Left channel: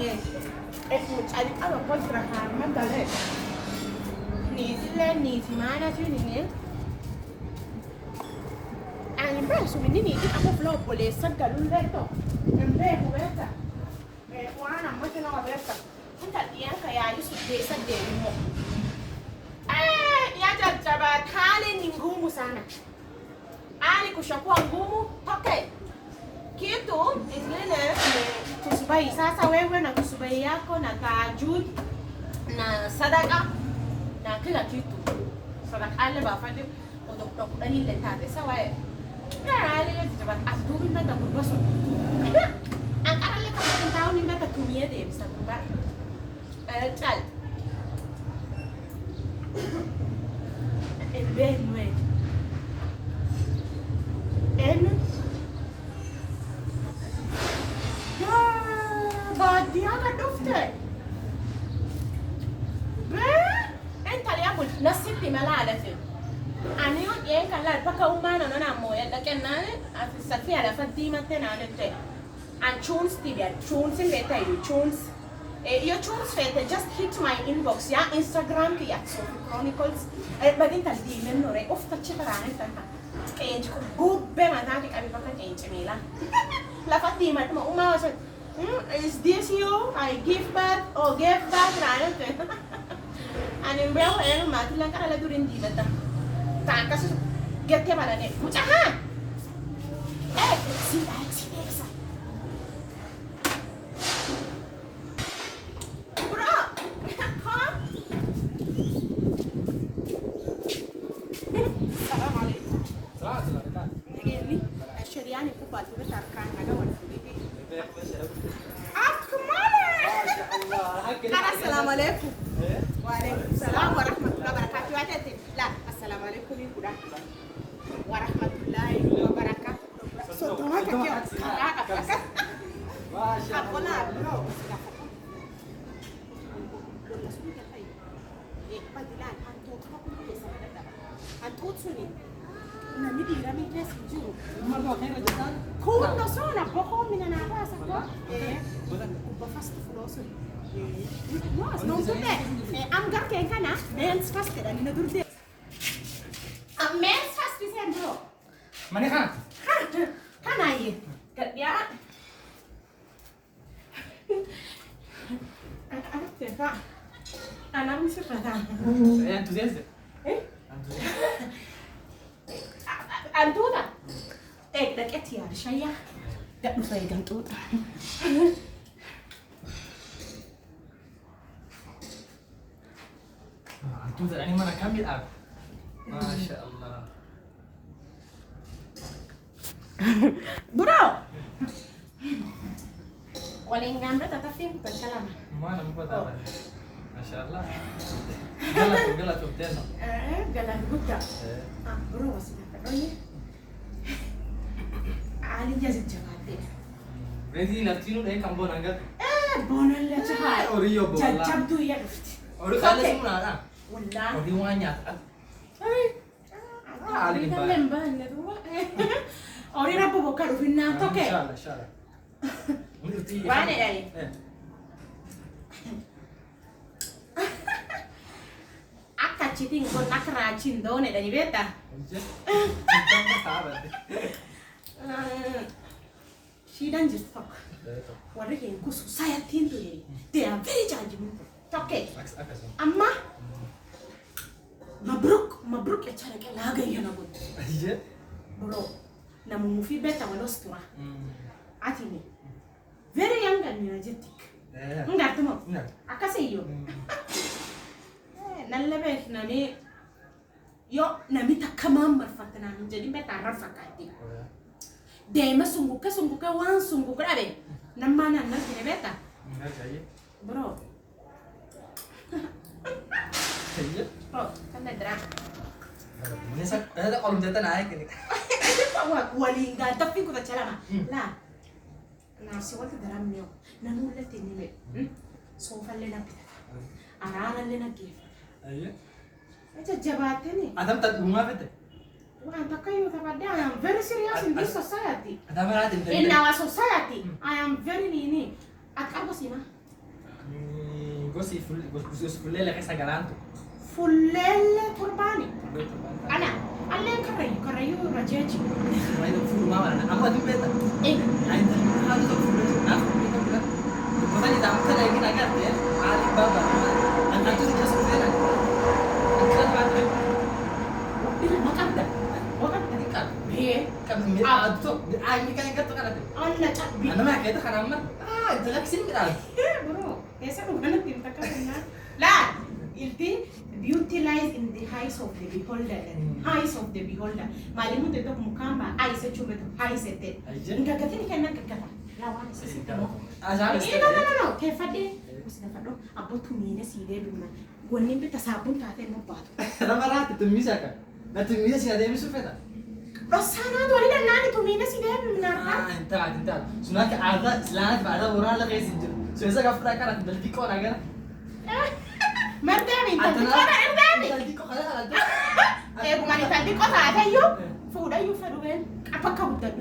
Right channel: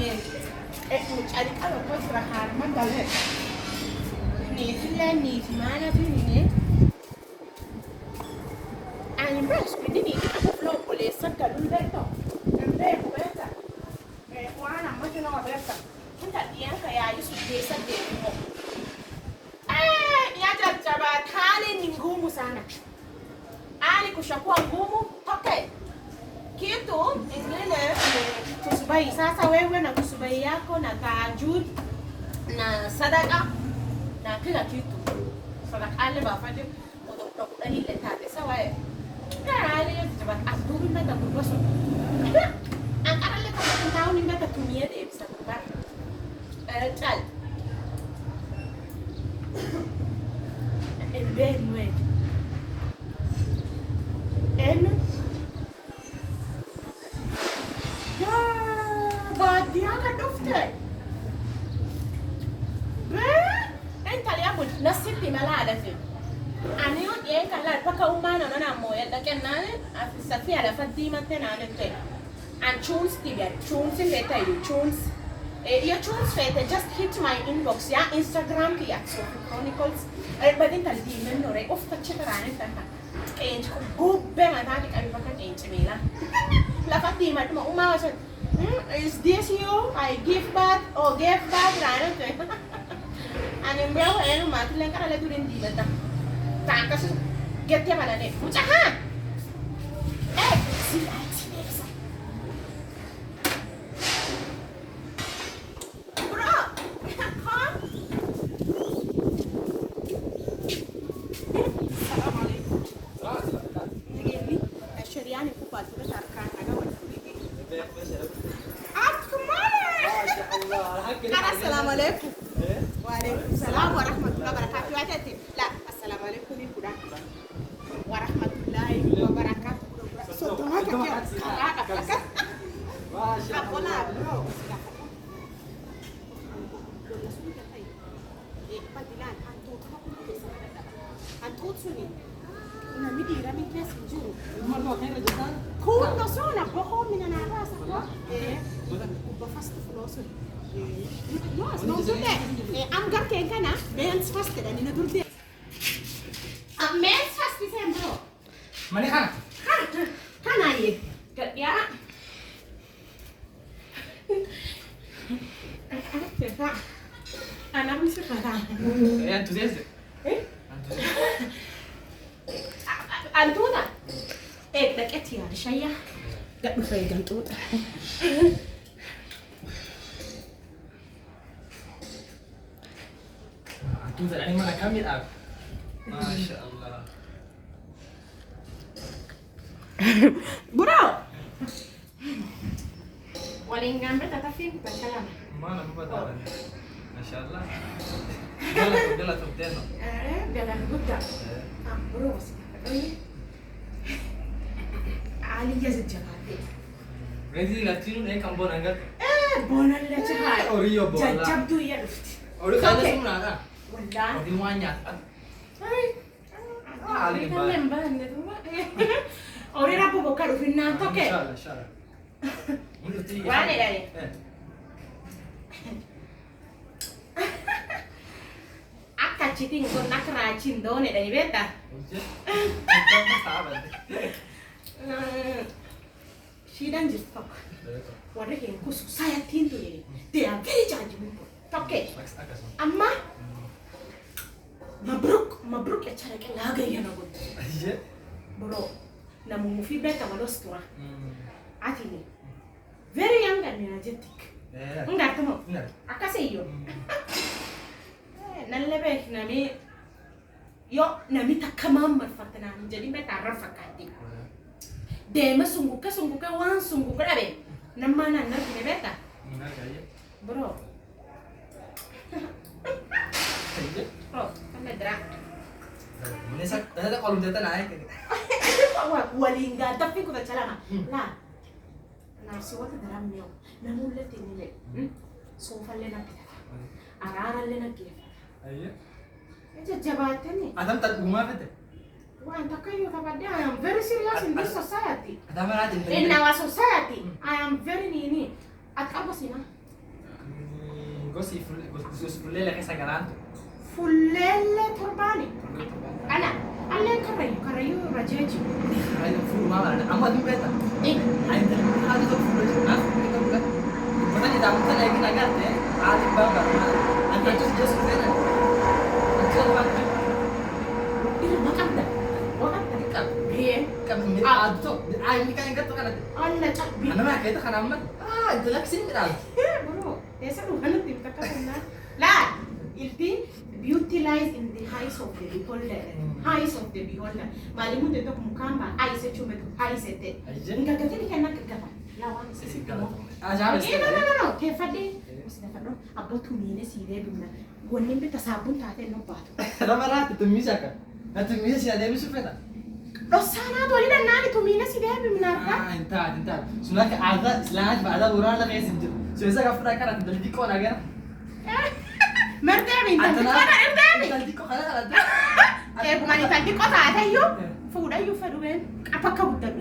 Mucali kalau kau terakhir mana dah? Ni sila ni di mana tu ni? Ani bro, so ni aku belum boleh sedar dulu tu. Nanti berapa? Kuana macam mana berapa? Kita dia kayak itu desa demo. Ya jajaba tali ni ngumu sana. Ali kushakuwa ngumu, okay. Kitu ingine kusubai sasa wewe na kusubai yako na tahajjud na sadaka na kila kitu. Sadaka ale bafanye odokta kudani ile tate sawa eh. Ale jabat adubi mata kurbaso. Angkara le kama tentao ni mata tumie de bisa kurba. Chal. El benwe. En dia kan dufte. Enta li abul nasiti malada fi. Ani yo yen kala paka umana na moya da kenna safi ala fatima tena nte. And tunes tibia tunes leta you tunes. Your tunes fete just hit my inbox ya Instagram ki ya Sophie Chronicles. Badin tal di men nore of tacchetarane tanta. Enj ko gubbe matati kami paka enj mila. La fatima tuma umama is this you? I give back or give back rano tu. Ani mbao elu mati lang kala durin di bata. Takas get ya mana ne? Mucha ha. Si esa. Bro, Assalamualaikum. Assalamualaikum. Ini Syariani ku palsu ke tarkan ada Assalamualaikum. Waalaikumsalam warahmatullahi wabarakatuh. La, assalamualaikum ni kuda. Warahmatullahi wabarakatuh. So, apa kau? Apa nak bro? Padilan, antut kau pun bisa ada. Antut suni. Nami dira min kes juru. Mardo kaya rajutan. Kau no sona, kau mina nara sakwa. Kuba fast flow. No, tutte. Amgar che kana, men's fast da ni durde. Men's fast sembro. Mana kan? Kana ye. Ya. Ana misi fata. Entusiasta. Antuda. Da keti ya shayya. Da dufai dan tuda. Antuda ani mana kami ak. Masya Allah. Bro. Waling gambar tatapi bukan salah. Mana apa Masya Allah. Gala tu teno. Gala buta. Bro masih ini. Ali jazz jagate. Ready latino deh kamu nanggat. Bonan le chai. Oriyo bola. Jab tu ya dufti. Ori kala semua ada. Wallah. Ori wanya. Ali kan member ne tu. Ori rapu boka rufinna to ke. Inshallah, inshallah. Wane dari? Akka citing kon nakra cindo ne dari beta. She dan just fuck. Warre ke ku saya tinto yeri. They are very judgmental. Toke. Amma mabruk ya cara ke laga ya na god. Bro, na mufi beta walostua. Atini. Very young and energetic. Enggak tuh mau. Akka seyo. Nalebe nami yo nami takamam berfatana jadi beta rafakati. Dema sungguh ke wan sungguh ke abe. Namana na kine beta. Bro. Oh, kan ada. Ini ada kolom jatuh naik ini. Walinga tapi ku tachala la. Nasi waktu dalam nyo. Namun le tinile. Sofa le na pita. Arara le na kif. Ayo. Itu jabatan ni. Adam tak bunga bete. Wah, tak kayu tapada. I am very serious in this society. Adam ada In our society, I am very nini. At apa sih mah? gosi fuullee keessa galaantu. Fullelle torbani. Ana allen karayu rajeji. Ayo fuulmaa wala amma dimbeta. Eh, Ayo hadu to fuullee naaf fuullee kan bulan. Bukan di dalam kan lagi nagar deh. Ali baba. Anda tuh just kena. Ikut waktu. ilu nakanda. Wakanda. Kan. Biye. Kan mi adu tuh. Ayo mi kan yang kerja kan ada. Alla ta bi. Anda mah kayak itu kan aman. Ah, itu lagi sini berada. Bro, esa ugana timtaka na. La, ilti beauty lies in the eyes of the beholder. Eyes of the beholder. Malimu de tok mukamba, eyes chume to eyes ete. Inga gatini kana kakata. La wani sisi kamo. Ah, jangan. No. Te fade. Usina fado. Abo tumine si lebimna. Gonin beta sabun tate no bato. Ramalah tumis kan. Nah tumis sih ada yang sufeta. Rosana dole dan nani tumine si lebimna. Ah, entar. Sunat ada selain ada orang lagi sinjur. Sudah kafra kan ada beli kau naga. Merdemi, tanti kora erdemi. Tadi kok ada ada. Eh, bumani tanti kora ada yu. Fuda yu faduwen. Apa kau dabi?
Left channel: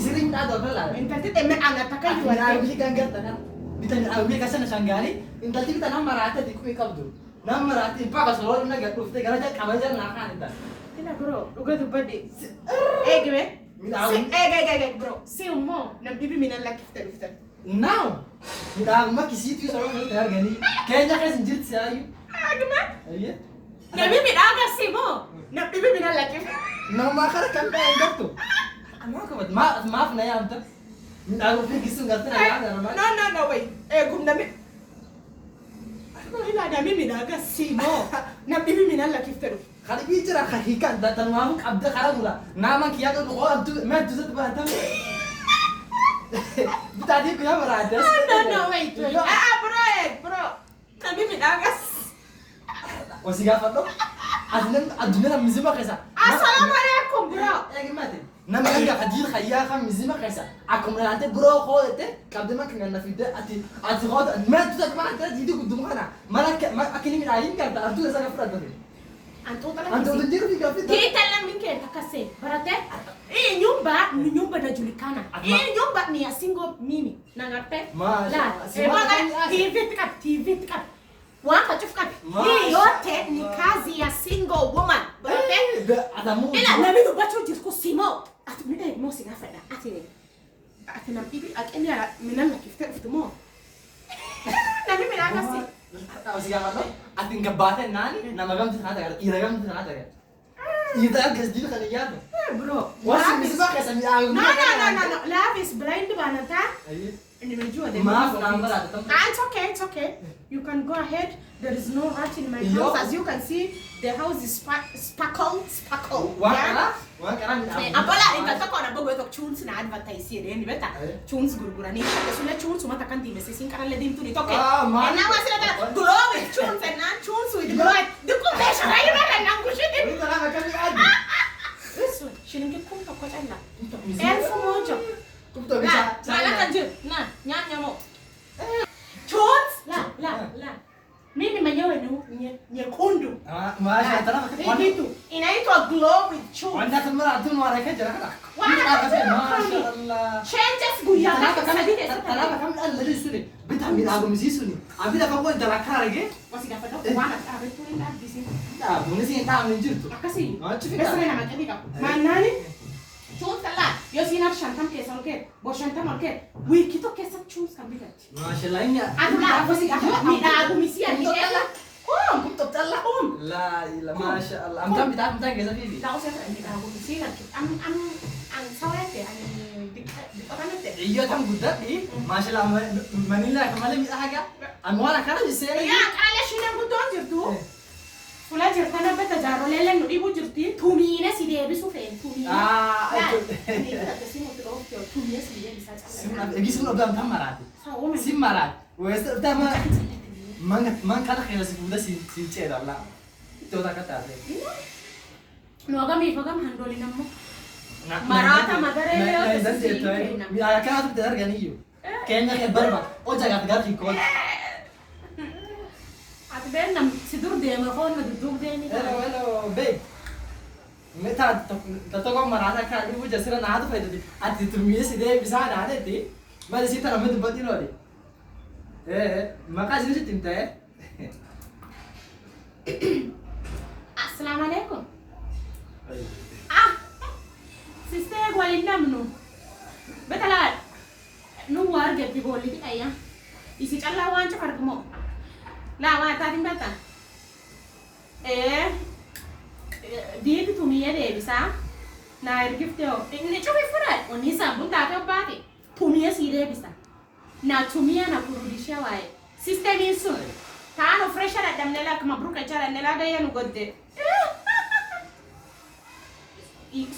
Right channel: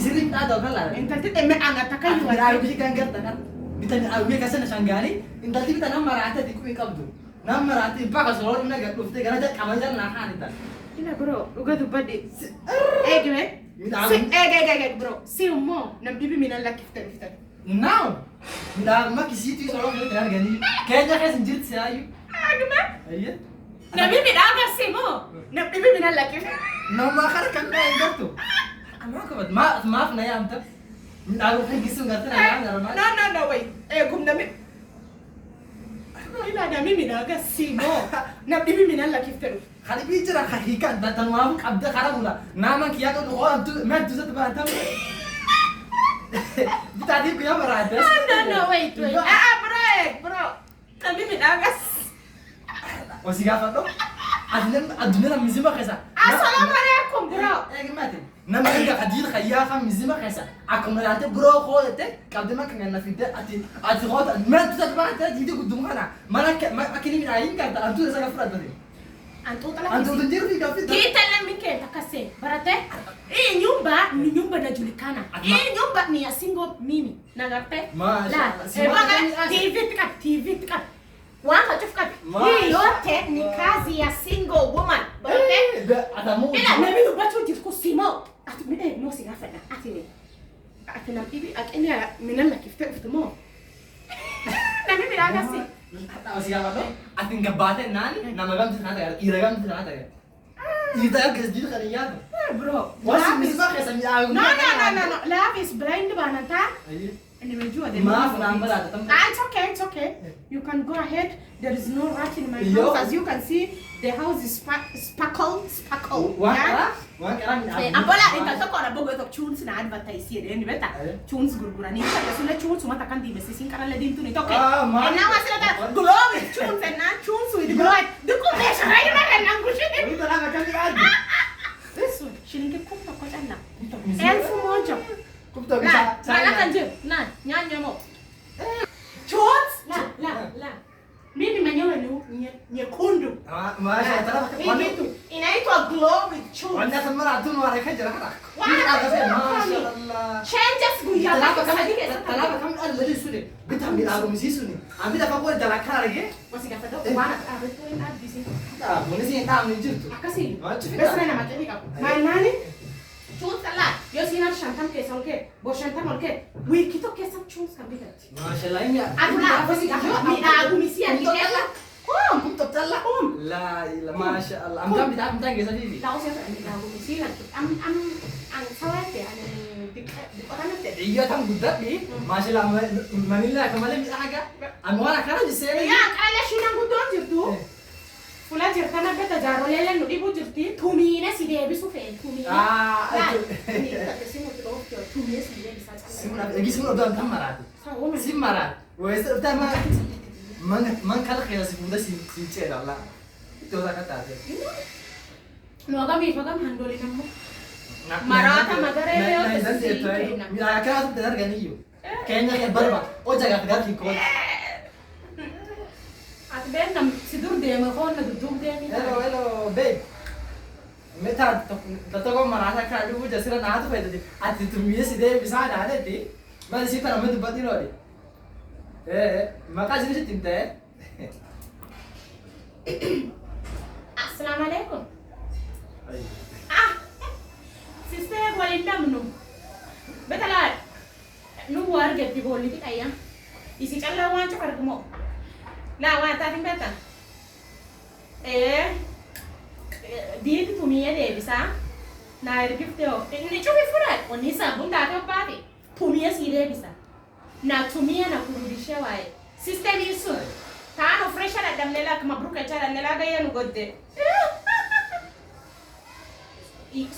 Sering ada kan? Entanti teme angata kan yu. Aku beli kan kan. Bitanya aku beli kasan sanggani. Intanti kita nama rata di kuih kabdu. Nama rata impak kalau ini nggak kufte karena dia kamar jalan nahan itu. Ina bro, uga tu bade. Eh gime? Eh bro. Si ummo, nam bibi minan la kifta kifta. Now, dah mak kisi tu soalnya kita terang gani. Kayaknya kan sinjir sih ayu. Agma? Iya. Nam bibi daga si mo. Nam bibi minan la kifta. Nama kan kan enggak tuh. Aku maaf na ya amta. Aku pergi sungai tuh ya normal. No, wait. Eh, gum nami. Ina nam bibi daga si mo. Nam bibi minan la kifta. Kali bicara hakikat datang mau abda karabula. Nama kia kan oh tu मैं तुझे तो बात हूँ. Tadi aku yang merada. No, wait. Bro. Nam bibi daga. Oh si gafat tuh. Adunya nam mizima kesa. Assalamualaikum, bro. Gimana? Nam enggak kajil khaya kan mizima kesa. Aku merada bro kau itu. Kabde mak nggak nafida ati kau tu. मैं तुझे तो बात है jadi kudung mana? Mana akhirnya mirain kan? Antu saya gafat tadi. Antu tala. Antu tu jadi gafat. Kita lang minke takase. Barate. Nyumba ni nyumba inajulikana. Hii nyumba ni ya single mimi. Nangarte? La. TV tika. Wanga chufka. Hii yote ni kazi ya single woman. Barate? Ada mu. Ila na mimi bacho jitku simo. Ati mimi mo sigafada. Ati na bibi akini minana kifte mo. Na mimi la kasi. Tahu sih apa tuh? Aku nggak batin nani, nama kamu tuh kata ya, iragam tuh kata ya. Itu aku jadi kali ya tuh. Bro, Wah, misbah kayak seni aku. No. Love is blind banata. Nimejua the Maaf, number ada tempat. It's okay. You can go ahead. There is no rat in my house. As you can see, the house is sparkle. Wah, karang Apola, inta ko na bogo to tunes na advertise here. Ni beta. Tunes gurgura ni sa sula tunes mata kan di message sin kanala dim tu ni toke. And now I said that glow with tunes and not tunes with glow. The combination ay na kan ang gusto din. Ini talaga kami adi. This one, shilingi kum to ko tanda. Elfu moja. Kumto La, bisa. wala kan jir. Na, nyanya mo. Tunes? La. Mimi mwenyewe ni nyekundu. Masya Allah. Hii kitu inaitwa glow with tunes. Wanda kamera tu nuara kaja lah. Masya Allah. Changes guya. Talaba kami ada dari sini. Betam di lagu misi sini. Abi dah kamu jalan lagi. Masih gak tahu wana betul ada di sini. Nah, boleh sih tahu nih tu. Akasi. Cukup. Besar nama jadi kau. Mana ni? Tunes kala. Yo sinar shantam ke salke. Bo shantam alke. Wi kito ke sam tunes kan bigat. Masya Allah ini. Adula masih gak tahu. Ni lagu misi ani ela. Kumto tala. La ilah Masya Allah. Am kami dah minta kisah ini. Lagu saya ni lagu misi kan. Am sawat ya. Di orang itu. Iya tam budak ni. Masya Allah Manila kemarin kita agak. Amwala kana di sini. Ya, kala shinang gudon jirtu. Fula jirtana beta jaro lele no ibu jirti. Tumine si debi su fen. Tumine. Itu. Ni tak sini tu dok. Tumine si debi sa. Lagi semua udah tamarat. Sawo men. Simarat. Wes utama man kala kaya si muda si cera lah. Itu udah kata dia. No kami handole nammo. Marata magare yo tesi. Ya kana tu tenar gani yo. Kayaknya kayak barba. Oh jaga tegar ki kol. Ben nam sidur de ma kon na duduk de ni. Hello, babe. Meta to ko marata ka lu jasira na to fayda di. Ati tumie si de bisa na de di. Ma si para me tu pati lo di. maqaa isinitti hin ta'e. Assalamu alaikum. Ah, sister waliin namnu. Betalaa nu warga bi bolli fi ayya. Isi callaa waan cufa argamoo. Laa waan taatiin beektaa. Diinti tumiyya deebisaa. Naa ergifte hoo. Inni cufi fudhadha. Wanni saabun taate obbaate. Tumiyya sii deebisa. Na tumiyya na kurudishee waaye. Sistemiin sun. Taano fresha dadhabnee laa akkuma buruka jaalannee laa gayya nu godde.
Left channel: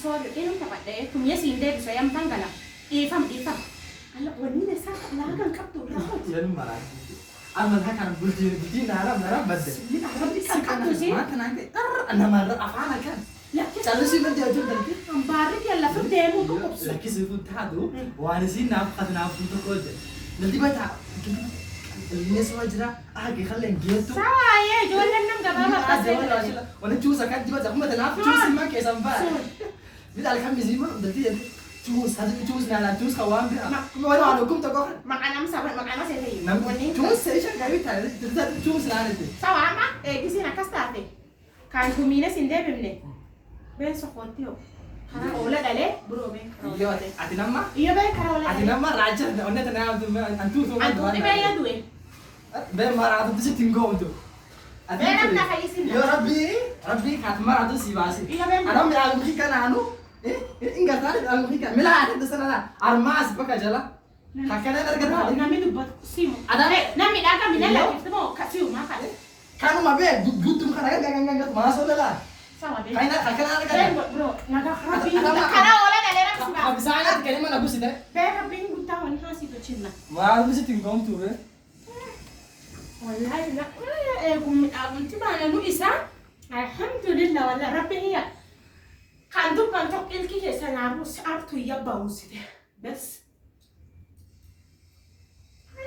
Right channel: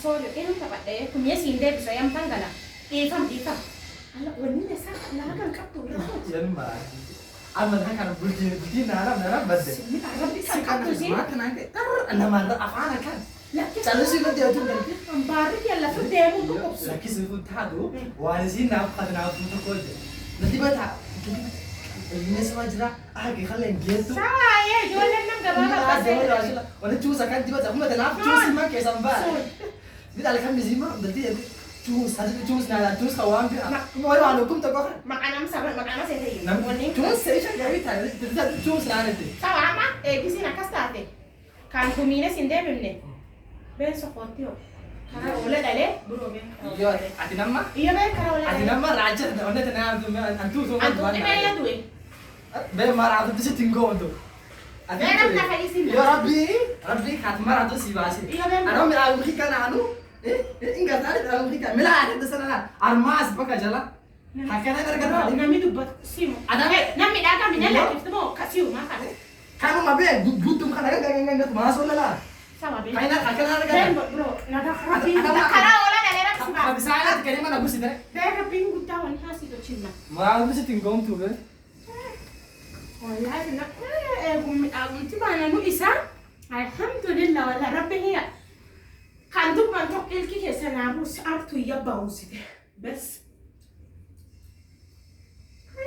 Sorry, ilmu taphadhee tumiyya siin deebisa yamtan gala. Dhiifam. Ala wanni isaa laagan qabdu raawwatu. Yan maraati. Amalaa kan bultii naara badde. Rabbi kan qabdu si. Maata naante namarra afaan kan. Callisii badde ajuu galti. Ambaarri yalla fi deemu qobsu. Lakkisi kun taatu waan isiin naaf fatanaaf tokko jedhe. Nanti bata ilmi sama jira agi khalleen geessu. Saayee ijoolleen nam gabaabaa baasee. Wanni cuusa kan dibata akkuma tanaaf cuusi man keessan ba'a. Bidal kan mizima dalti jedhe. Cuus naalaan cuus hawaan bi'a. Kuma wani waan hukum tokko kan. Maqanam seetee. Namni cuus seeshan gaarii taa'e cuus naanete. Sawaama eegisiin akkas taate. Kan tumiine siin deebifne. Been soqootti hoo. Karaa oola dhalee buroo been. Yoo ati namma. Iyo been karaa oola dhalee. Ati namma raajja onnee tanaa antuutu. Antuuti been ya du'e. Been maraatu bisitti hin goontu. Been akka fa'iisin. Yoo rabbii kaatu maraatu si baase. Iyo been. Anoo miraa mukii kanaanu. Ingatari dalam kita mila ada sana armas baka jala hakana darga Nami dubbatu simu. Ada Nami dhaga minalla iftamoo kasiu maka. kamu mabe butum kana gangan masuk lah Sama been. kaina hakana darga Been bro naga rabbi. Karaa oola dhalee rakkisu baa. bisa ada kelima nagu sih deh Been rabbiin guddaa wani haasitu chinna. mau bisa tinggal tuh be Wallahi na kunti baana nu isa. Alhamdulillah wala rabbi hiya. Kan dubban tokko ilki keessa naabus artu yabba usite. Bes